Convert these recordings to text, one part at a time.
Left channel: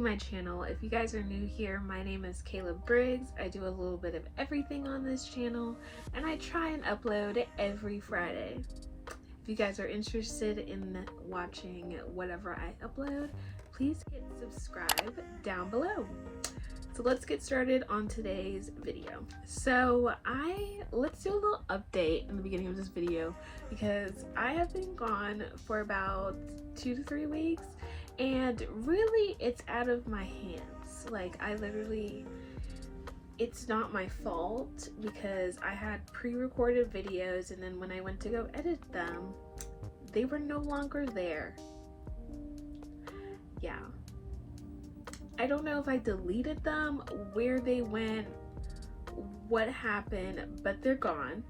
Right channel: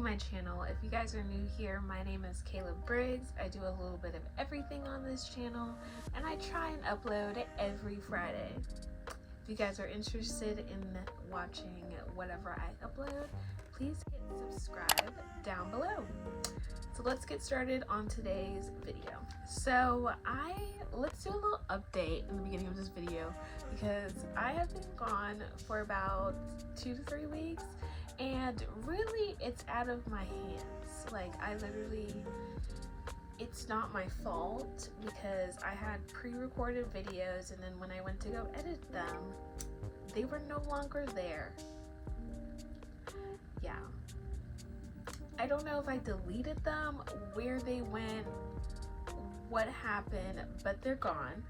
to my channel. If you guys are new here, my name is Kayla Briggs. I do a little bit of everything on this channel, and I try and upload every Friday. If you guys are interested in watching whatever I upload, please hit subscribe down below. So let's get started on today's video. So let's do a little update in the beginning of this video because I have been gone for about 2 to 3 weeks, and really it's out of my hands. Like, it's not my fault because I had pre-recorded videos, and then when I went to go edit them, they were no longer there. Yeah. I don't know if I deleted them, where they went, what happened, but they're gone.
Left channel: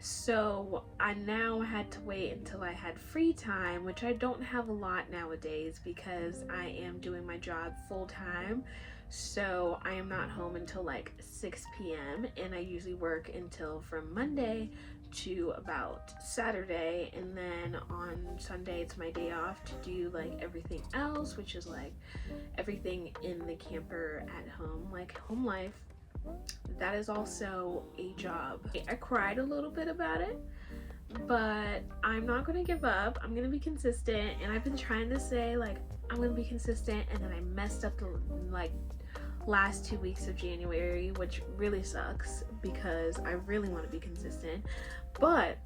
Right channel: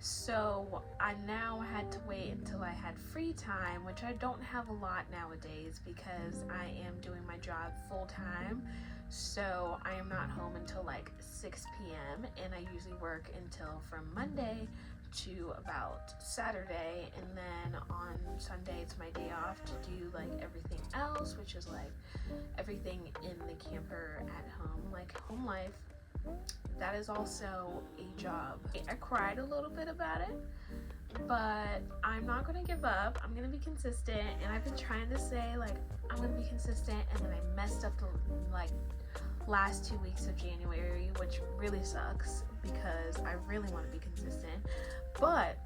So I now had to wait until I had free time, which I don't have a lot nowadays because I am doing my job full time. So I am not home until like 6 p.m. and I usually work until from Monday to about Saturday, and then on Sunday it's my day off to do like everything else, which is like everything in the camper at home, like home life. That is also a job. I cried a little bit about it, but I'm not gonna give up. I'm gonna be consistent, and I've been trying to say like I'm gonna be consistent, and then I messed up the like last 2 weeks of January, which really sucks because I really want to be consistent. But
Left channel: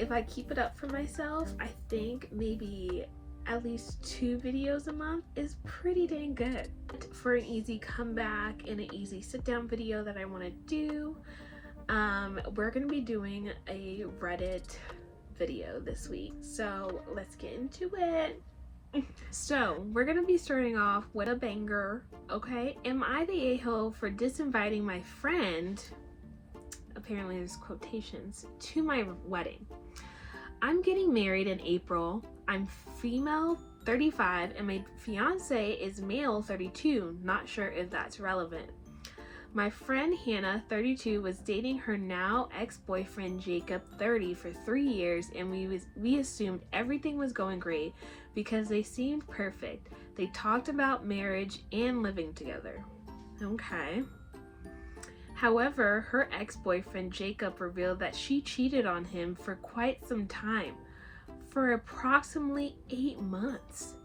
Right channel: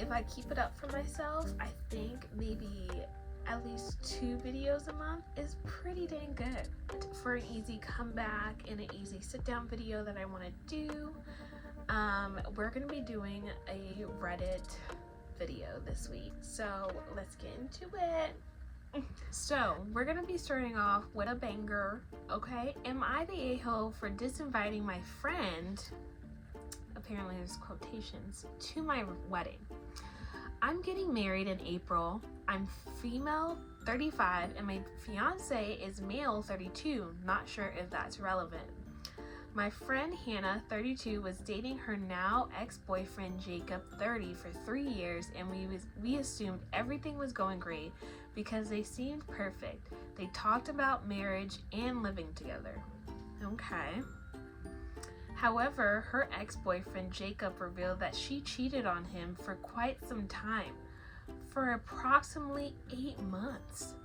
if I keep it up for myself, I think maybe at least 2 videos a month is pretty dang good for an easy comeback and an easy sit down video that I want to do. We're gonna be doing a Reddit video this week, so let's get into it. So we're gonna be starting off with a banger. Okay, am I the a-hole for disinviting my friend, apparently there's quotations, to my wedding? I'm getting married in April. I'm female, 35, and my fiance is male, 32. Not sure if that's relevant. My friend Hannah, 32, was dating her now ex-boyfriend Jacob, 30, for 3 years, and we assumed everything was going great because they seemed perfect. They talked about marriage and living together. Okay. However, her ex-boyfriend Jacob revealed that she cheated on him for quite some time, for approximately 8 months.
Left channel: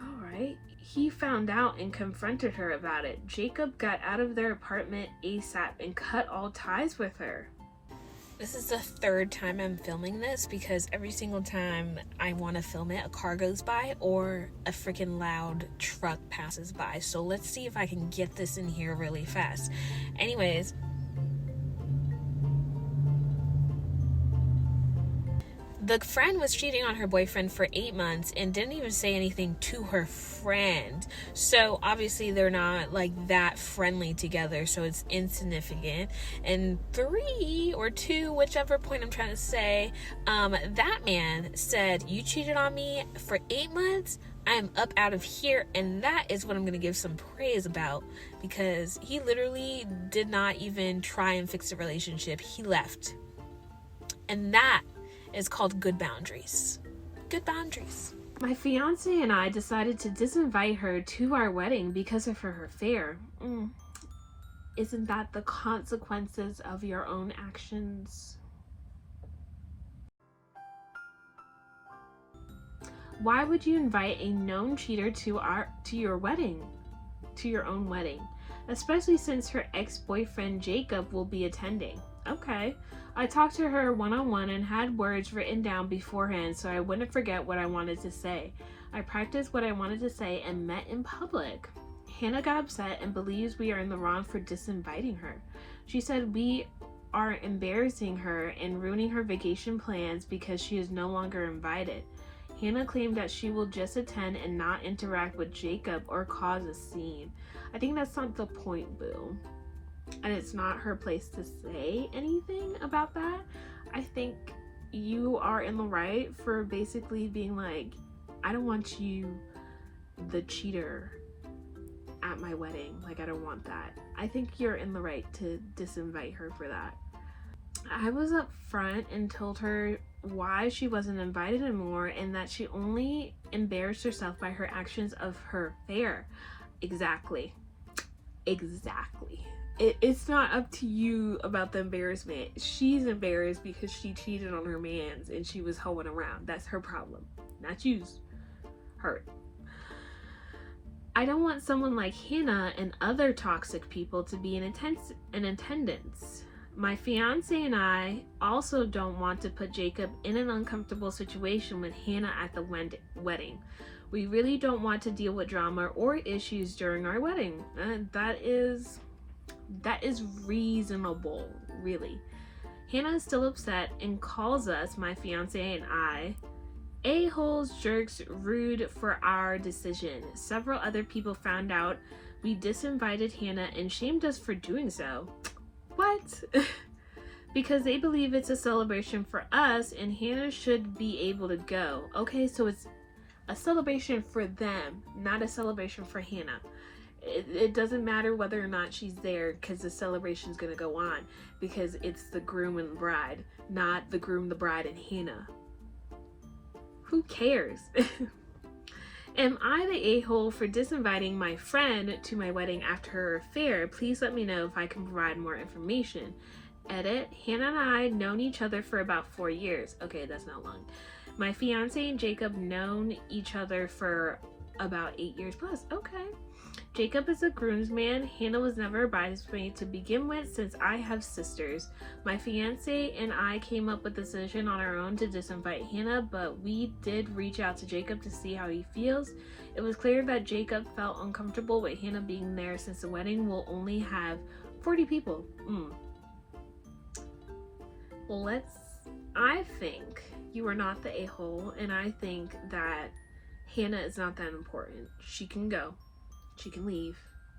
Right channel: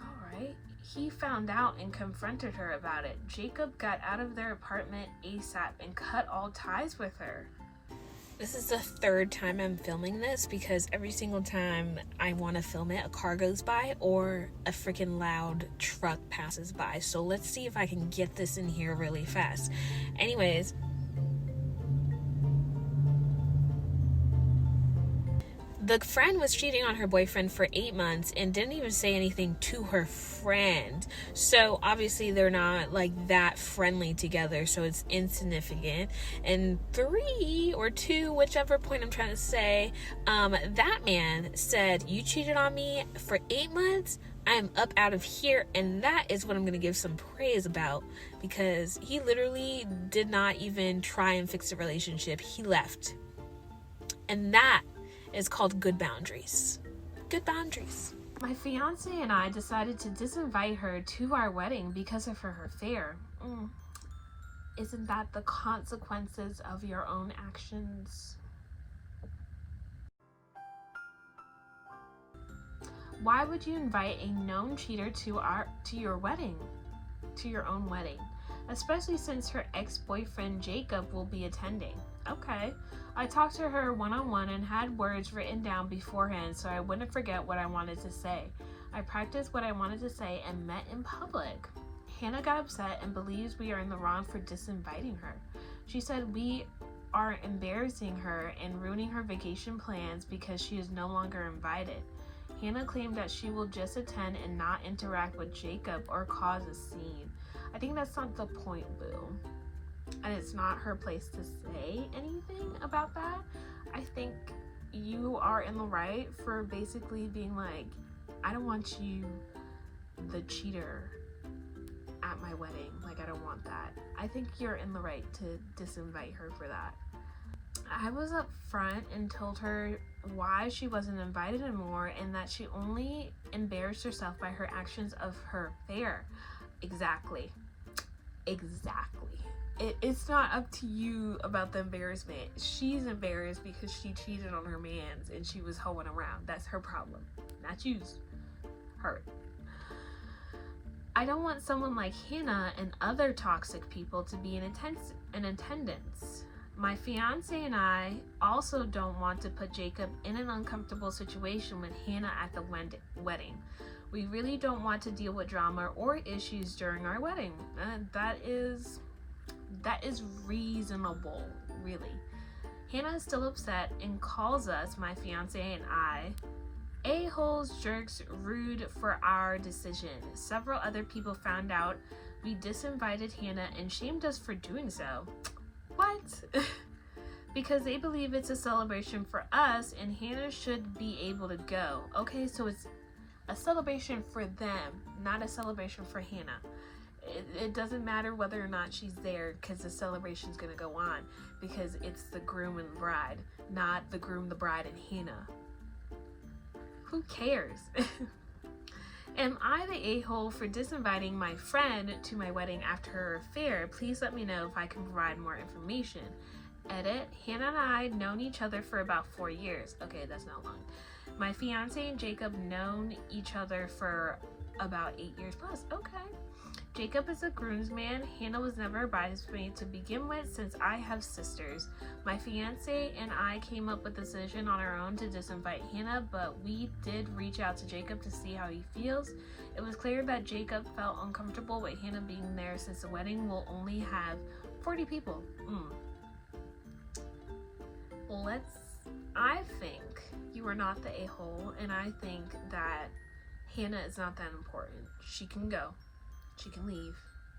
Alright. He found out and confronted her about it. Jacob got out of their apartment ASAP and cut all ties with her. This is the 3rd time I'm filming this because every single time I want to film it, a car goes by or a freaking loud truck passes by. So let's see if I can get this in here really fast. Anyways, the friend was cheating on her boyfriend for 8 months and didn't even say anything to her friend. So obviously they're not like that friendly together, so it's insignificant. And 3 or 2, whichever point I'm trying to say, that man said, you cheated on me for 8 months, I am up out of here. And that is what I'm going to give some praise about, because he literally did not even try and fix the relationship. He left. And that is called good boundaries. Good boundaries. My fiance and I decided to disinvite her to our wedding because of her affair. Isn't that the consequences of your own actions? Why would you invite a known cheater to your wedding? To your own wedding? Especially since her ex-boyfriend Jacob will be attending. Okay. I talked to her one-on-one and had words written down beforehand so I wouldn't forget what I wanted to say. I practiced what I wanted to say and met in public. Hannah got upset and believes we are in the wrong for disinviting her. She said we are embarrassing her and ruining her vacation plans because she is no longer invited. Hannah claimed that she will just attend and not interact with Jacob or cause a scene. I think that's not the point, boo. And it's not her place to say anything about that. I think you are in the right for basically being like, I don't want you, the cheater, at my wedding. Like, I don't want that. I think you're in the right to disinvite her for that. I was up front and told her why she wasn't invited anymore and that she only embarrassed herself by her actions of her affair. Exactly. It's not up to you about the embarrassment. She's embarrassed because she cheated on her mans and she was hoeing around. That's her problem, not you's. Her. I don't want someone like Hannah and other toxic people to be in attendance. My fiance and I also don't want to put Jacob in an uncomfortable situation with Hannah at the wedding. We really don't want to deal with drama or issues during our wedding. That is reasonable, really. Hannah is still upset and calls us, my fiance and I, a-holes, jerks, rude for our decision. Several other people found out we disinvited Hannah and shamed us for doing so. What? Because they believe it's a celebration for us and Hannah should be able to go. Okay, so it's a celebration for them, not a celebration for Hannah. It doesn't matter whether or not she's there because the celebration's going to go on because it's the groom and the bride, not the groom, the bride, and Hannah. Who cares? Am I the a-hole for disinviting my friend to my wedding after her affair? Please let me know if I can provide more information. Edit, Hannah and I known each other for about 4 years. Okay, that's not long. My fiance and Jacob known each other for about 8 years plus. Okay. Jacob is a groomsman. Hannah was never a bridesmaid to begin with since I have sisters. My fiance and I came up with the decision on our own to disinvite Hannah, but we did reach out to Jacob to see how he feels. It was clear that Jacob felt uncomfortable with Hannah being there since the wedding will only have 40 people. I think you are not the a-hole, and I think that Hannah is not that important. She can go. She can leave.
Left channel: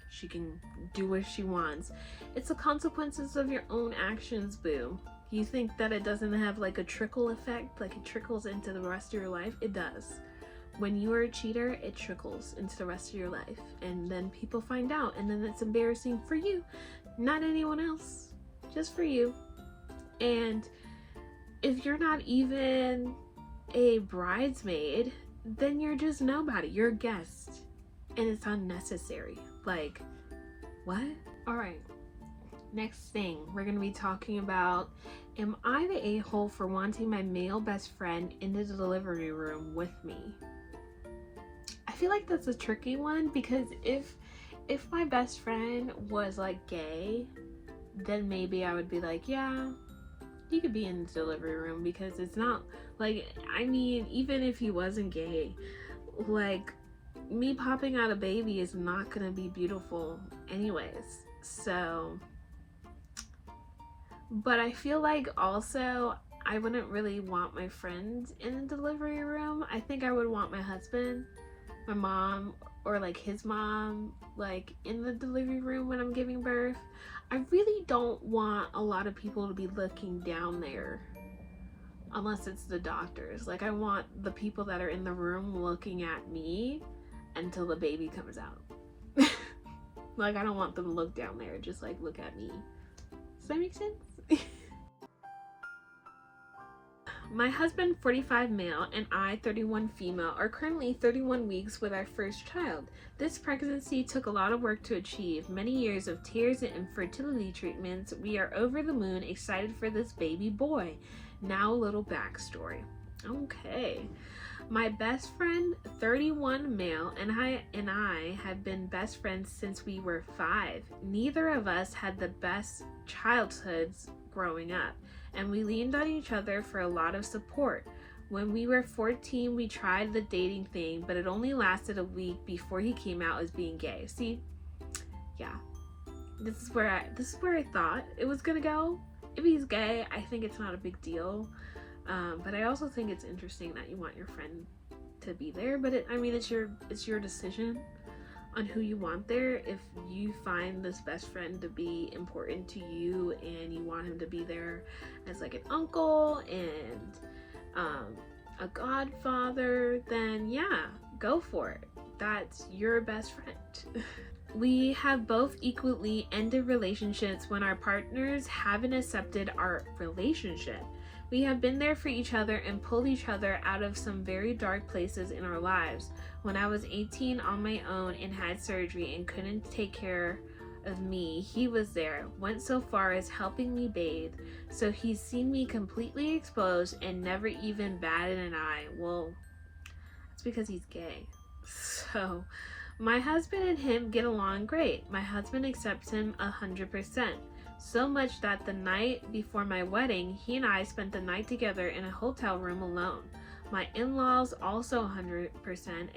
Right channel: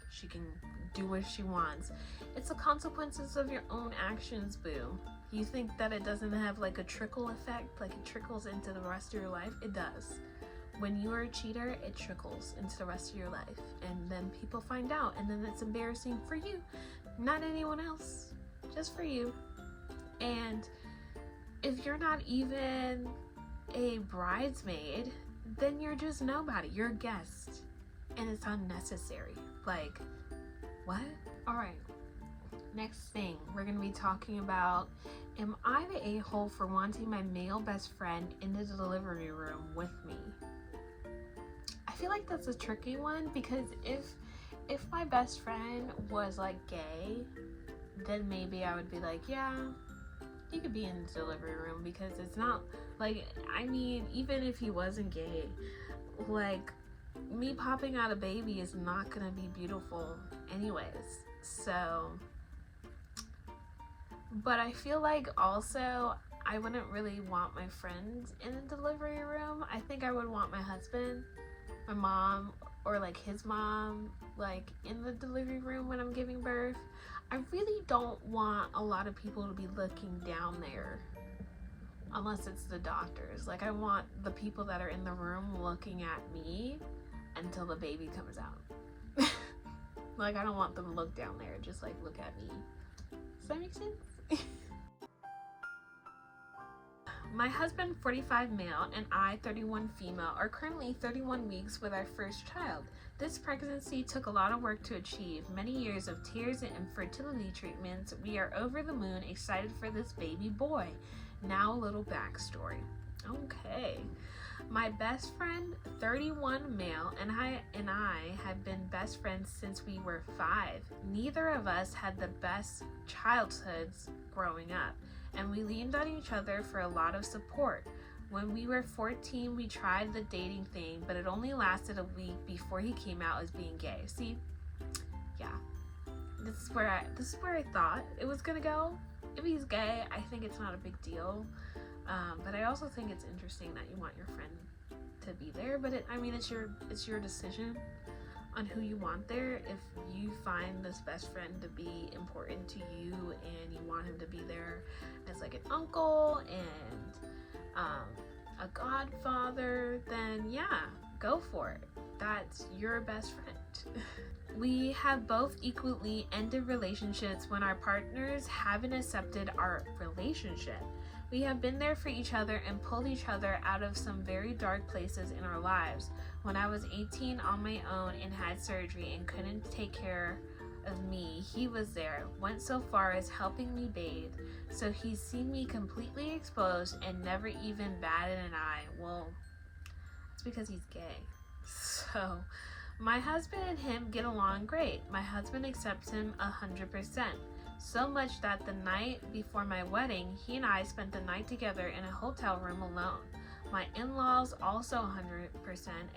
She can do what she wants. It's the consequences of your own actions, boo. You think that it doesn't have like a trickle effect, like it trickles into the rest of your life? It does. When you are a cheater, it trickles into the rest of your life. And then people find out, and then it's embarrassing for you, not anyone else, just for you. And if you're not even a bridesmaid, then you're just nobody. You're a guest. And it's unnecessary. Like, what? Alright, next thing we're going to be talking about, am I the a-hole for wanting my male best friend in the delivery room with me? I feel like that's a tricky one because if my best friend was like gay, then maybe I would be like, yeah, he could be in the delivery room because it's not like, I mean, even if he wasn't gay, like, me popping out a baby is not gonna be beautiful anyways. So, but I feel like also I wouldn't really want my friends in the delivery room. I think I would want my husband, my mom, or like his mom, like in the delivery room when I'm giving birth. I really don't want a lot of people to be looking down there unless it's the doctors. Like, I want the people that are in the room looking at me until the baby comes out. Like, I don't want them to look down there, just like look at me. Does that make sense? My husband, 45 male, and I, 31 female, are currently 31 weeks with our first child. This pregnancy took a lot of work to achieve, many years of tears and infertility treatments. We are over the moon, excited for this baby boy. Now a little backstory. Okay. My best friend, 31 male, and I have been best friends since we were 5. Neither of us had the best childhoods growing up, and we leaned on each other for a lot of support. When we were 14, we tried the dating thing, but it only lasted a week before he came out as being gay. See, yeah, this is where I thought it was gonna go. If he's gay, I think it's not a big deal. But I also think it's interesting that you want your friend to be there. But it's your decision on who you want there. If you find this best friend to be important to you and you want him to be there as like an uncle and a godfather, then yeah, go for it. That's your best friend. We have both equally ended relationships when our partners haven't accepted our relationship. We have been there for each other and pulled each other out of some very dark places in our lives. When I was 18 on my own and had surgery and couldn't take care of me, he was there, went so far as helping me bathe. So he's seen me completely exposed and never even batted an eye. Well, that's because he's gay. So, my husband and him get along great. My husband accepts him 100%. So much that the night before my wedding, he and I spent the night together in a hotel room alone. My in-laws also 100%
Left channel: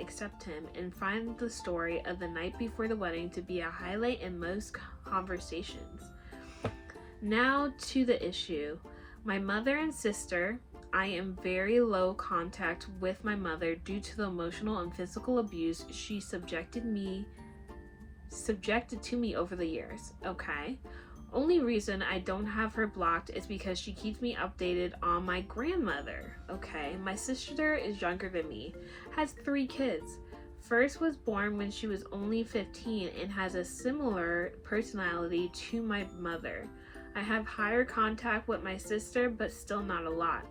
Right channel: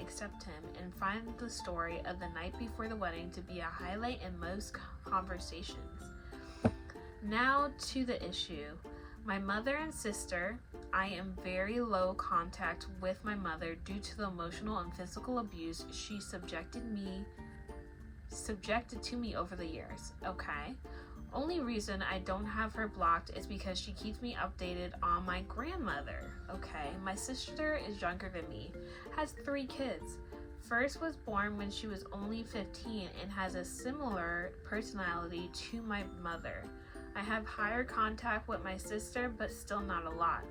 accept him and find the story of the night before the wedding to be a highlight in most conversations. Now to the issue. My mother and sister. I am very low contact with my mother due to the emotional and physical abuse she subjected to me over the years. Okay. Only reason I don't have her blocked is because she keeps me updated on my grandmother. Okay, my sister is younger than me, has 3 kids. First was born when she was only 15 and has a similar personality to my mother. I have higher contact with my sister, but still not a lot.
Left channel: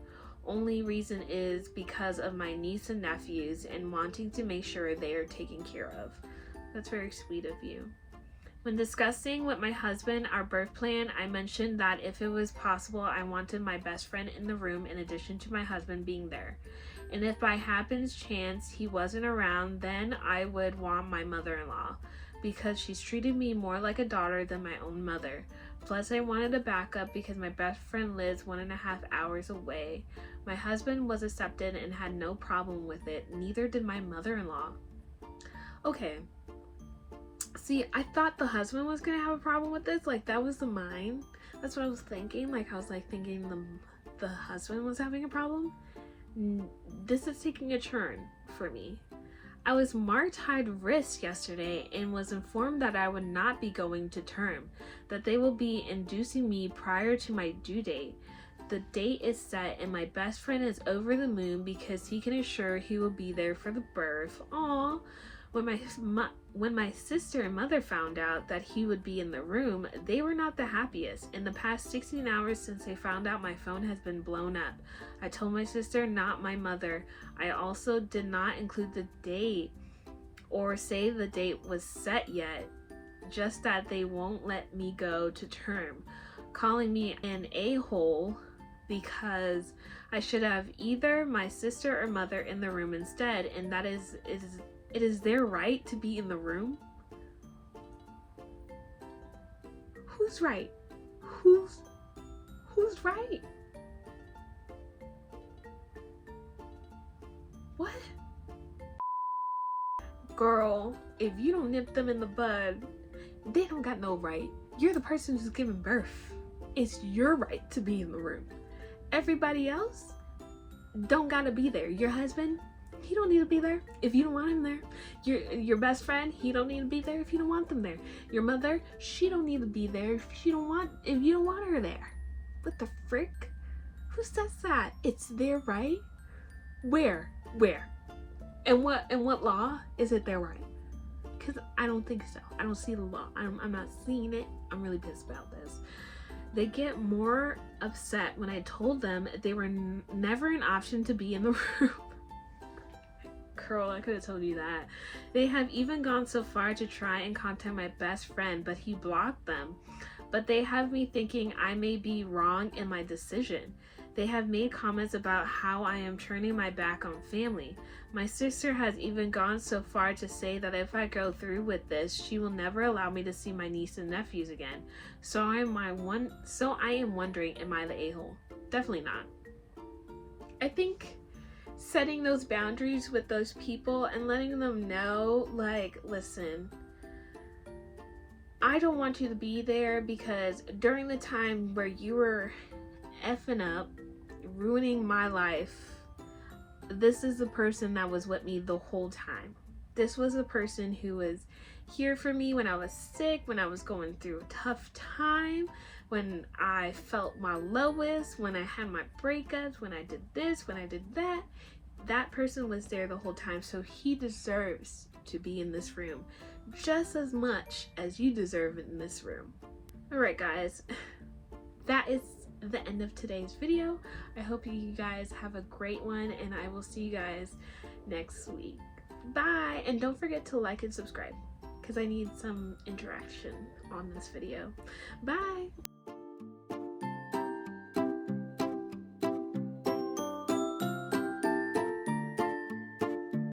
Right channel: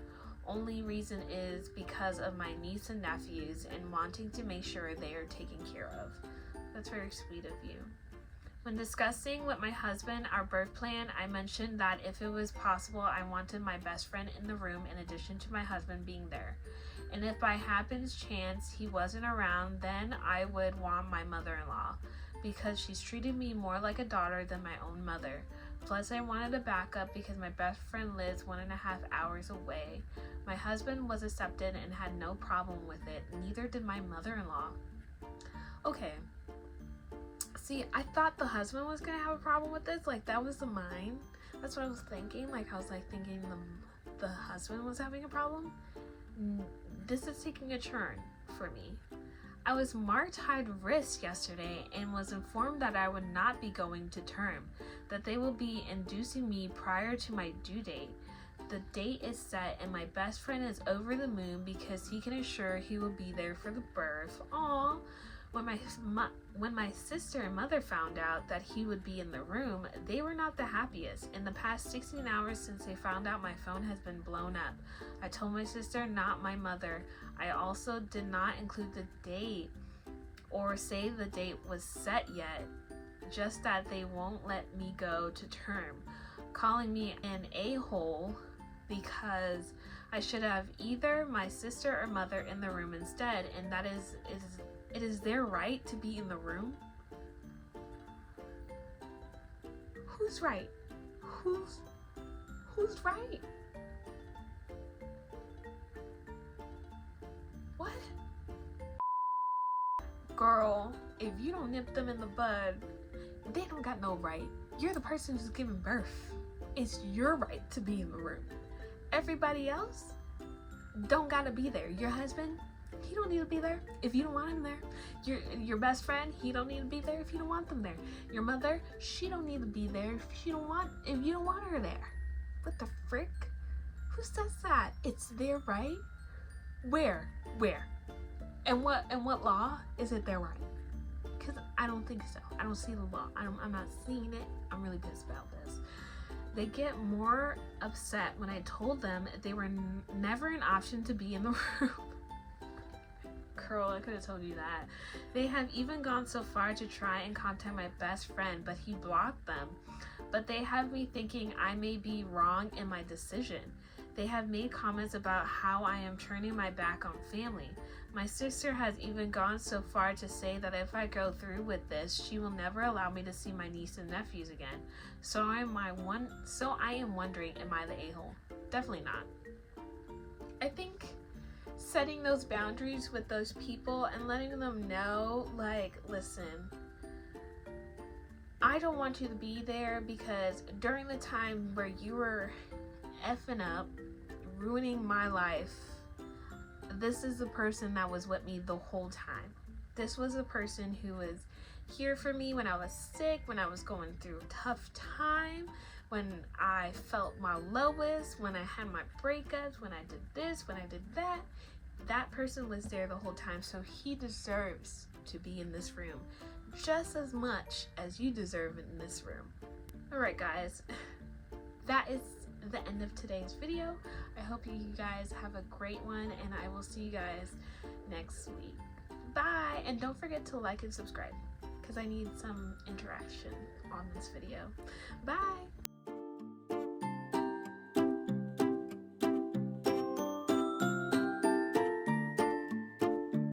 Only reason is because of my niece and nephews and wanting to make sure they are taken care of. That's very sweet of you. When discussing with my husband our birth plan, I mentioned that if it was possible, I wanted my best friend in the room in addition to my husband being there. And if by happens chance he wasn't around, then I would want my mother-in-law because she's treated me more like a daughter than my own mother. Plus, I wanted a backup because my best friend lives 1.5 hours away. My husband was accepted and had no problem with it. Neither did my mother-in-law. Okay. See, I thought the husband was gonna have a problem with this. Like, that was the mine. That's what I was thinking. Like, I was like thinking the husband was having a problem. This is taking a turn for me. I was marked high risk yesterday and was informed that I would not be going to term, that they will be inducing me prior to my due date. The date is set and my best friend is over the moon because he can assure he will be there for the birth. Aww. When my sister and mother found out that he would be in the room, they were not the happiest. In the past 16 hours since they found out, my phone has been blown up. I told my sister, not my mother. I also did not include the date or say the date was set yet, just that they won't let me go to term, calling me an a-hole because I should have either my sister or mother in the room instead, and that it is their right to be in the room. Who's right? Who's right? What? Girl, if you don't nip them in the bud, they don't got no right. You're the person who's giving birth. It's your right to be in the room. Everybody else don't gotta be there. Your husband, he don't need to be there if you don't want him there. Your best friend, he don't need to be there if you don't want them there. Your mother, she don't need to be there if you don't want her there. What the frick? Who says that? It's their right? Where? And what law is it their right? Because I don't think so. I don't see the law. I'm not seeing it. I'm really pissed about this. They get more upset when I told them they were never an option to be in the room. Girl, I could have told you that. They have even gone so far to try and contact my best friend, but he blocked them. But they have me thinking I may be wrong in my decision. They have made comments about how I am turning my back on family. My sister has even gone so far to say that if I go through with this, she will never allow me to see my niece and nephews again. So I am wondering, am I the a-hole? Definitely not. I think setting those boundaries with those people and letting them know, like, listen, I don't want you to be there because during the time where you were effing up, ruining my life, this is the person that was with me the whole time. This was the person who was here for me when I was sick, when I was going through a tough time, when I felt my lowest, when I had my breakups, when I did this, when I did that. That person was there the whole time, so he deserves to be in this room just as much as you deserve in this room. Alright guys, that is the end of today's video. I hope you guys have a great one, and I will see you guys next week. Bye! And don't forget to like and subscribe, because I need some interaction on this video. Bye!